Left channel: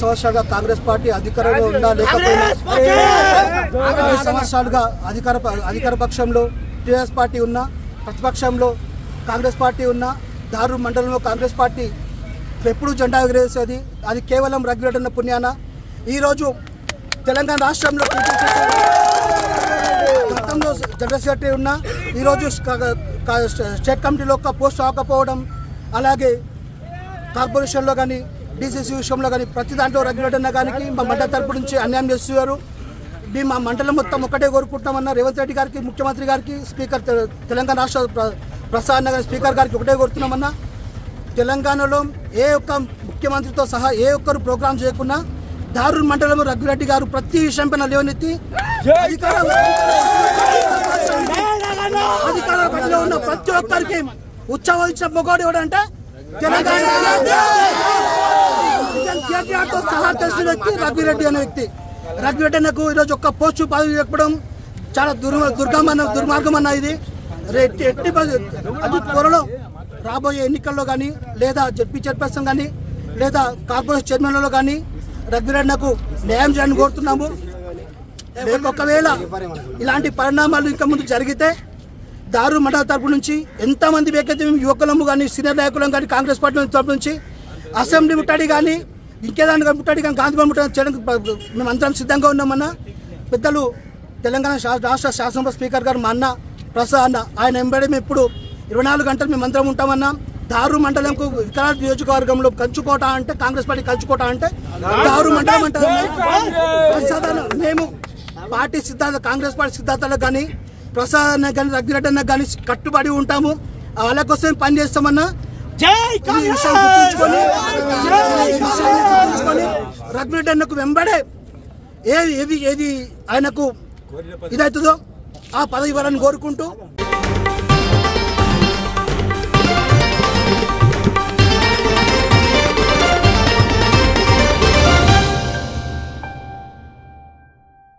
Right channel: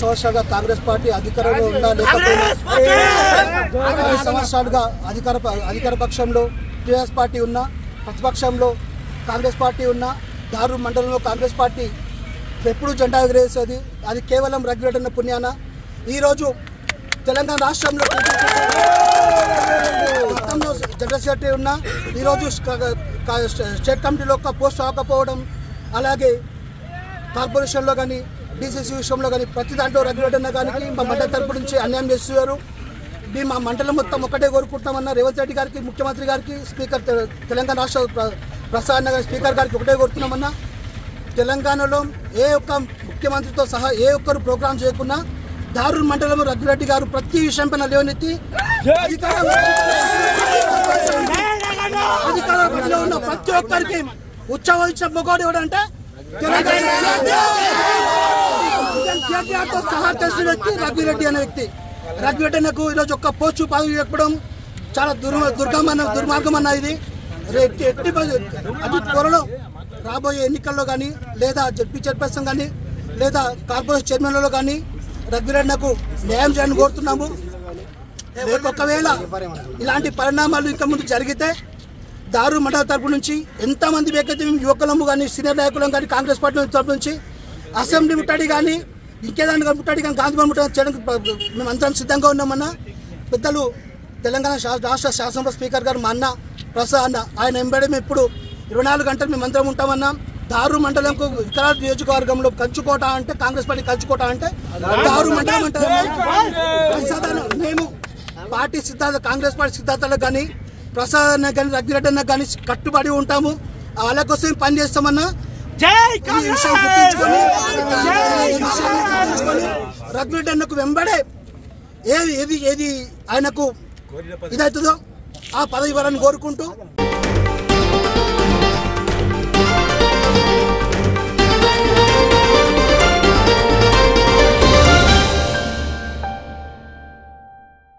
సంవత్సరాలుగా కాంగ్రెస్ పార్టీ అధికారంలో ఉన్నా లేకపోయినా 20 సంవత్సరాలుగా అధికార పక్షంలో టీఆర్ఎస్ పార్టీ ఉన్నా, ప్రతిపక్షంలో కాంగ్రెస్ పార్టీ ఉన్నా, దారు మండలంలో కాంగ్రెస్ పార్టీ ఎప్పుడు జెండా ఎగరేసేది. అది కేవలం రఘురెడ్డి పుణ్యాన. ఈరోజు తెలంగాణ రాష్ట్రంలో గతంలో జనరల్ సెక్రటరీ ఉన్నా, ఈరోజు స్టేట్ కమిటీలో ఒక పోస్ట్ రాకపోవడం, అలాగే కార్పొరేషన్లో కానీ డీసీసీ విషయంలో కానీ ప్రతి దాంట్లో రఘురెడ్డి కానీ మా మండలి తరపు నుంచి అన్యాయం చేస్తున్నారు. మా మండలం మొత్తం ఒకటే కోరుకుంటామన్నా రేవంత్ రెడ్డి గారికి, ముఖ్యమంత్రి గారికి, స్పీకర్ తెలంగాణ రాష్ట్ర ప్రసాద్ గారి స్పీకర్ గారికి ఒకటే కోరుతున్నామన్నా, తెలంగాణలో ఏ ఒక్క ముఖ్యమంత్రితో సహా ఏ ఒక్కరు ప్రోగ్రాం చేయకున్నా దారు మండలం రఘురెడ్డి గారు ప్రతి విషయం పైన లేవనెత్తి అధికారంలో ఉన్న ప్రతి ఒక్కరికి ఉత్సవం ఇచ్చిన మొగోడు ఎవడంటే తెలంగాణ కేటీఆర్తో సహా తెలిసిన వ్యక్తి రఘురెడ్డి అనే వ్యక్తి. రఘురెడ్డి అన్నకు ఈరోజు ఒక్క పోస్టు పదవి చెప్పడం చాలా దుర్మార్గం అన్న. ఇది అతి త్వరలో రాబోయే ఎన్నికల్లో కానీ లేదా జడ్పీ చైర్పర్సన్ కానీ లేదా కార్పొరేషన్ చైర్మన్లలో కానీ రఘురెడ్డికు న్యాయం చేయాలని కోరుతున్నాము. ఒకవేళ ఇలాంటి పరిణామాలు ఇంకా ముందు జరిగితే దారు మండల తరపు నుంచి ఎంతమంది వ్యక్తి యువకులము కానీ సీనియర్ నాయకులం కానీ కాంగ్రెస్ పార్టీ తరపు నుంచి అసెంబ్లీ ముట్టడి కానీ ఇంకేదాన్ని ముట్టడి కానీ గాంధీ ముట్టడి చేయడానికి మేము అందరం సిద్ధంగా ఉన్నామన్నా. పెద్దలు తెలంగాణ రాష్ట్ర శాసనసభ స్పీకర్ గారు మా అన్న ప్రసాద్ అన్న, ఆయన వెంబడి మేము ఇప్పుడు 24 గంటలు మేము అందరం ఉంటామన్నా. దారు మండలంకు వికారాబాద్ నియోజకవర్గంలో కంచుకోట అంటే కాంగ్రెస్ పార్టీ కంచుకోట అంటే దారు మండలం అంటారు. మేము పార్టీ సిద్ధాంత కాంగ్రెస్ పార్టీ సిద్ధాంతాలకు కానీ ప్రసాద్ అన్న కానీ రఘురెడ్డి అన్న కానీ కట్టుబడి ఉంటాము. వాళ్ళ కోసం పని చేస్తామన్నా. రఘురెడ్డి అన్నకు వెంబడే ఏది ఆయనకు ఇదవుతుందో ఆ పదవి ఇవ్వాలని కోరుకుంటూ